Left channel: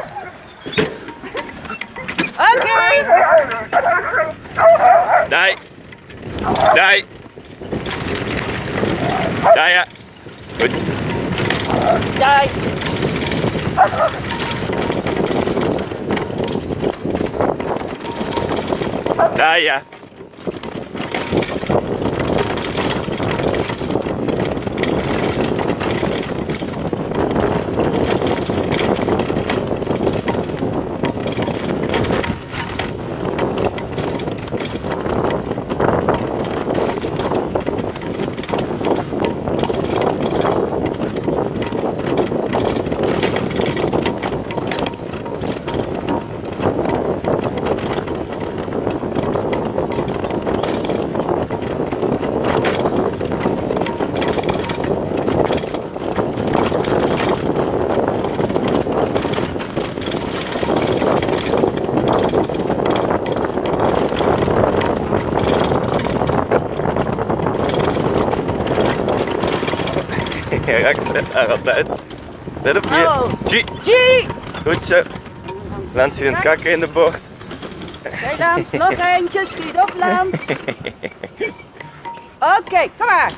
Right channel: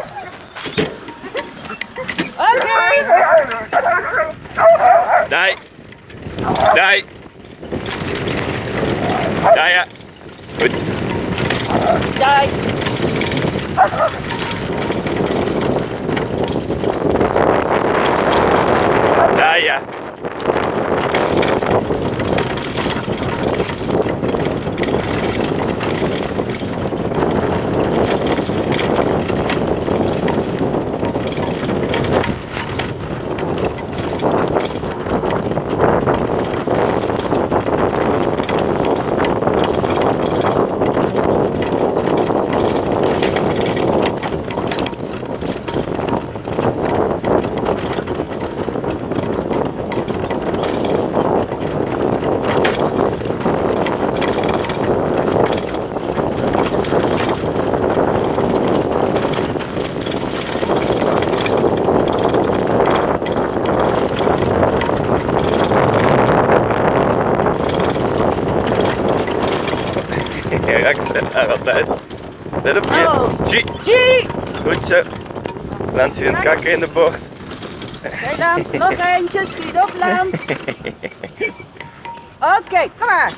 goed. Oké. Nee. Nee. Ja, ja. Goed. Daar. Ja, ja. Ja, ik zet haar altijd. Let op je. Oh. G. G. Goed zo. Nancy in het kakken in de bocht. Kijk dan, nog eentje, schiet op Lans. Oké, kom maar.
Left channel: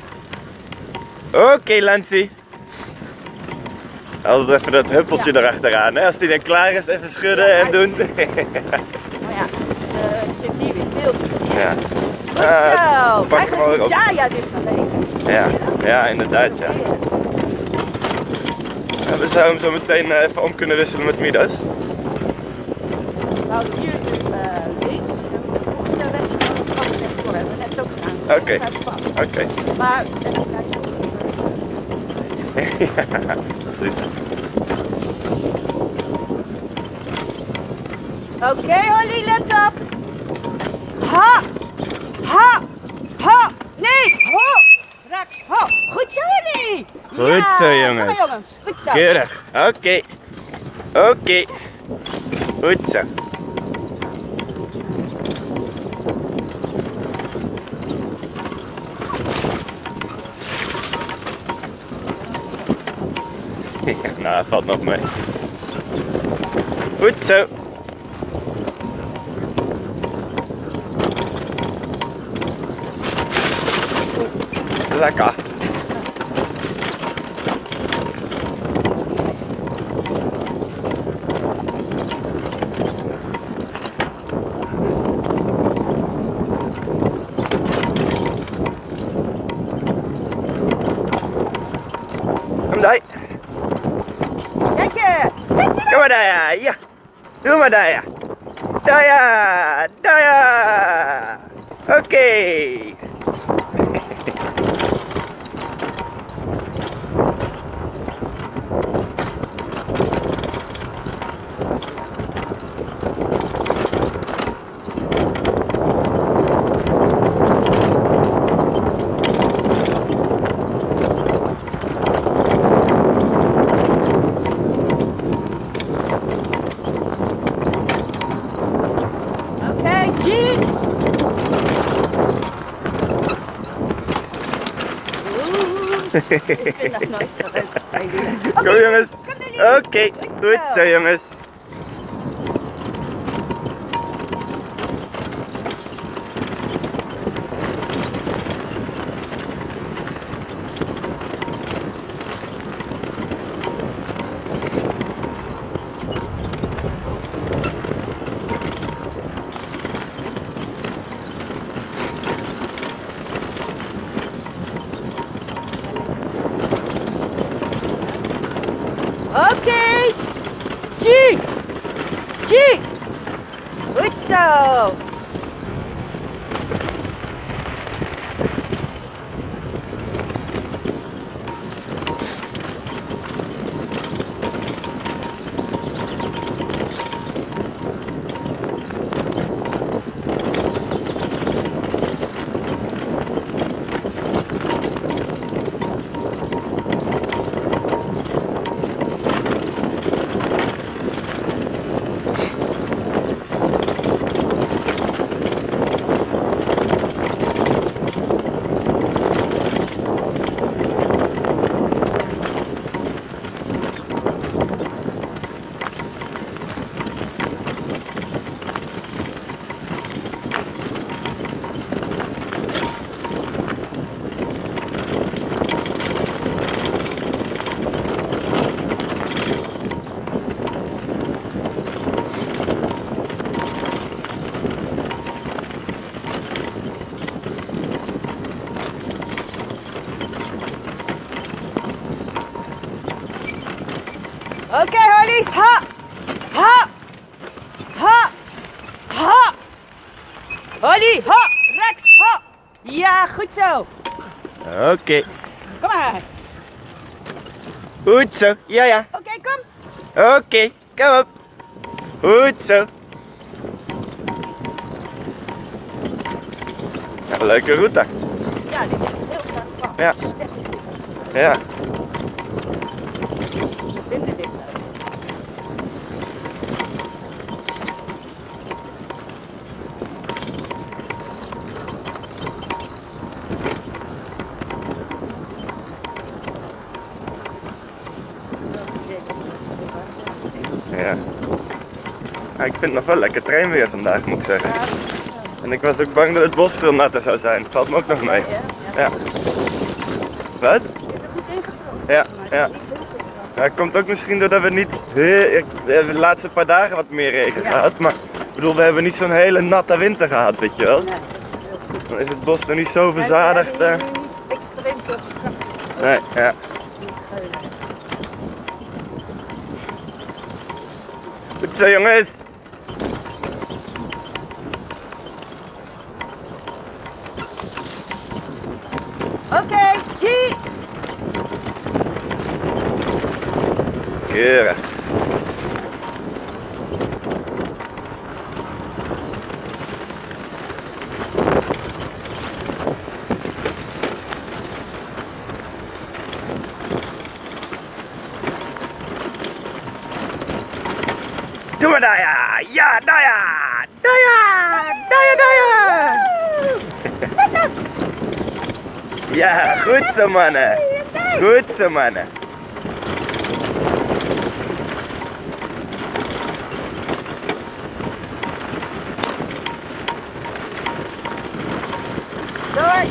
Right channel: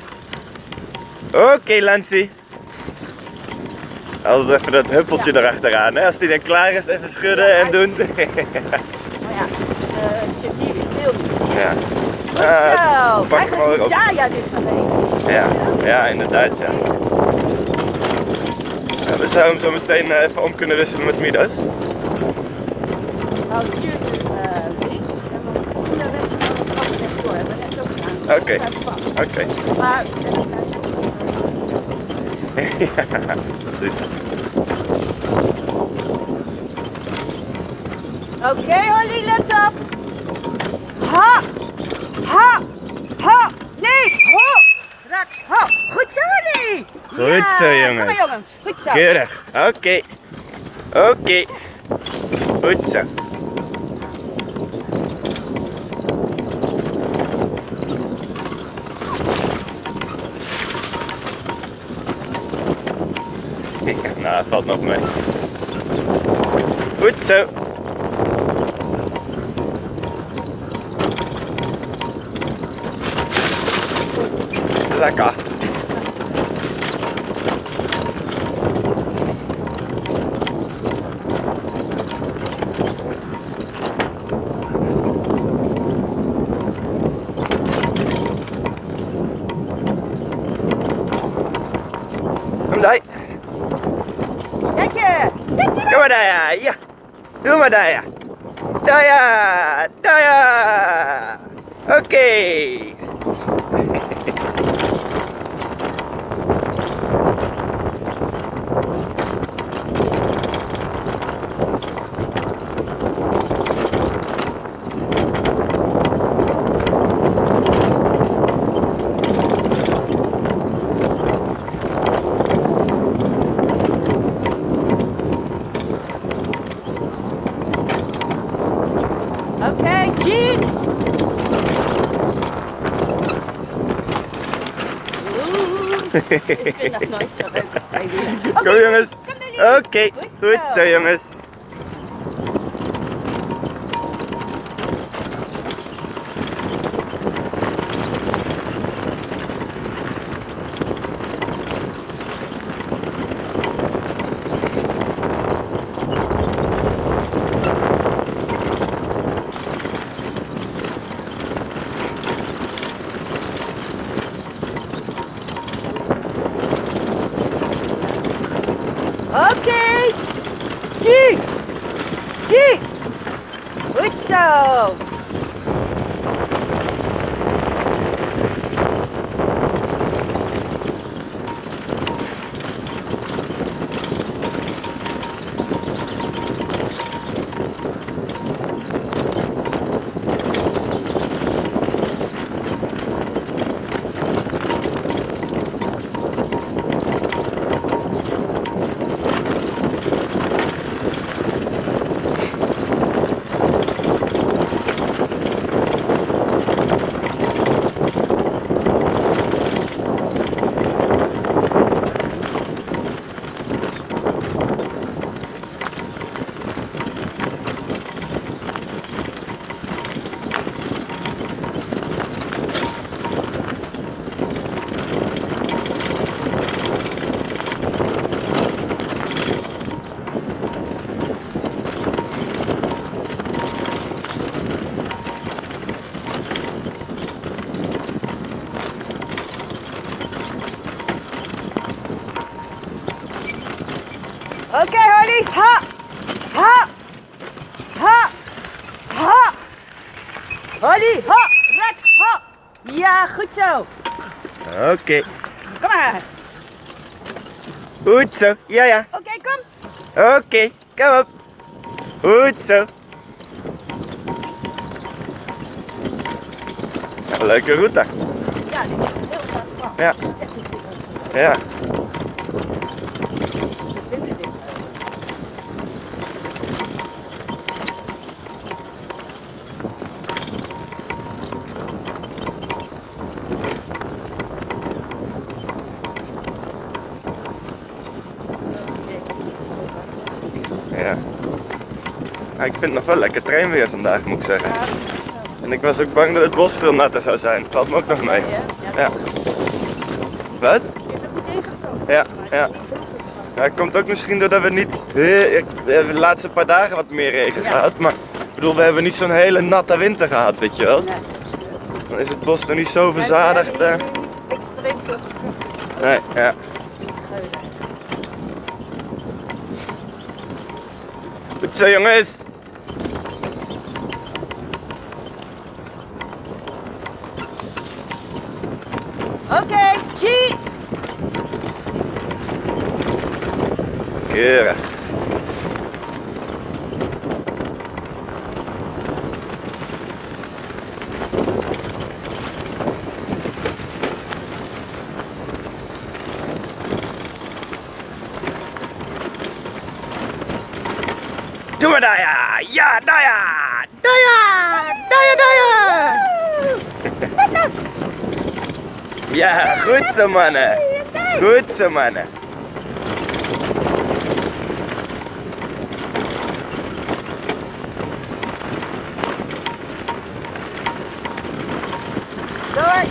Oké, Lancy. Altijd even dat huppeltje erachteraan. Hè? Als die dan klaar is, even schudden en doen. Nou ja, zit hier weer stil. Ja. Goed zo. Pak hem maar op. Ja, ja, dit gaat even. Ja, ja, inderdaad, ja. We zouden hem zo meteen even om kunnen wisselen met Midas. Nou, hier links. En dan op de weg gaan we het even door hebben. Net zo gedaan. Oké. Oké. Maar even kijken. Ja, goed. Oké, Holly, let op. Ha! Ha! Ha! Nee! Ho! Rax, ho! Goed zo, Holly! Goed zo, Kom jongens. maar, jongens. Goed zo. Keurig. Oké. Oké. Goed zo. Ja, nou, valt nog mee. Goed zo. Lekker. Kom daar. Lekker! Doe maar daar, ja. Doe maar daar. Daar ja. Daar ja. Oké. Oké, G! Ik vind nog nooit zo leuk. Zo jongens. Oké, goed zo jongens. Oké! G! G! Goed zo! Oké, Holly. Ha. Ha. Ha. Ha. Holly, ha. Rechts, ha. Ja, goed zo. Oké. Kom maar. Goed zo. Ja, ja. Oké, kom. Oké, kom op. Goed zo. Ja, leuke route. Ja, dit is heel graag. Ja. Ja. Ze vinden dit leuk. Ja. Ja, ik vind het nog wel lekker treinweer vandaag, moet ik zeggen. En ik was ook bang dat het bos veel natter zou zijn. Valt me ook nog mee. Ja. Wat? Is er goed ingekomen? Ja, ja. Ja, het komt ook misschien doordat we niet de laatste paar dagen wat meer regen gehad. Maar ik bedoel, we hebben niet zo'n hele natte winter gehad, weet je wel. Nee. Dan is het bos nog niet zo verzadigd. We hebben hier niet extreem veel gekracht. Nee, ja. Goed zo, jongens. Oké, G. Keurig. Doe maar daar ja! Ja, daar ja! Daar ja! Daar ja, daar ja! Ja, goed zo mannen! Goed zo mannen! Door.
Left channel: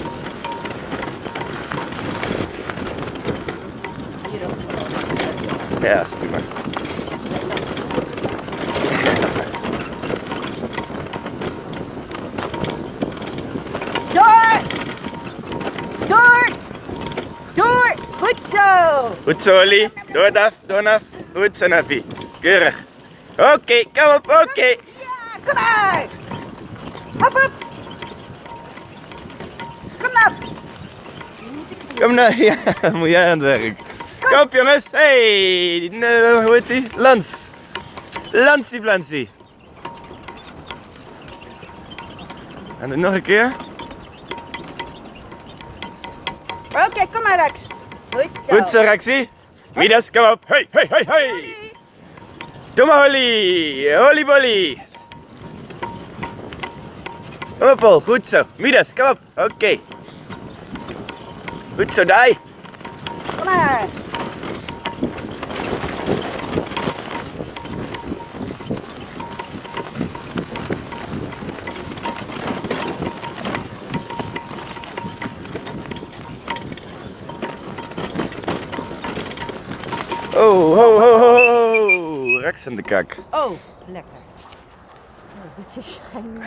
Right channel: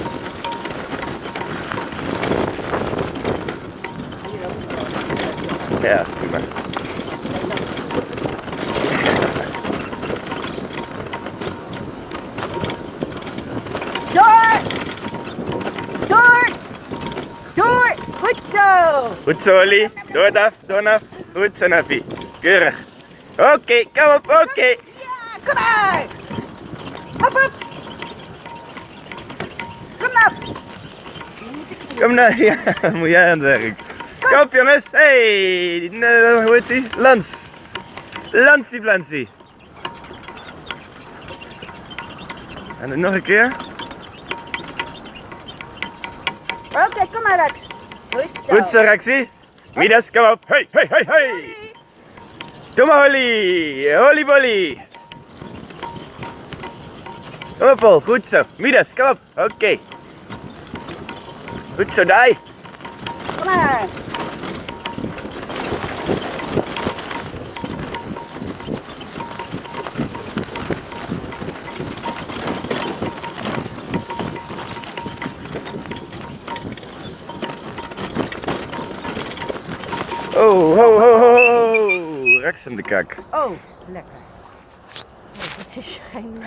Ja, is prima. Door. Door. Door. Goed zo. Goed zo, Ollie. Door, Daf. Door, Naf. Goed zo, Naffie. Keurig. Oké, kom op, oké. Ja, kom maar. Hop, hop. Kom af. Kom nou, ja, moet jij aan het werk. Kom op, jongens. Hey, hoe heet die? Lans. Lansie, Blansie. En dan nog een keer. Oké, kom maar, Rex. Goed zo. Goed zo, Rexie. Midas, kom op. Hey, hey, hey, hey. Doe maar, Holly. Holly, bolly. Kom op, Paul. Goed zo. Midas, kom op. Oké. Goed zo, Dai. Kom maar. Oh, ho, ho, ho, ho. Rex in de kak. Oh, lekker. Nee, dit is geen...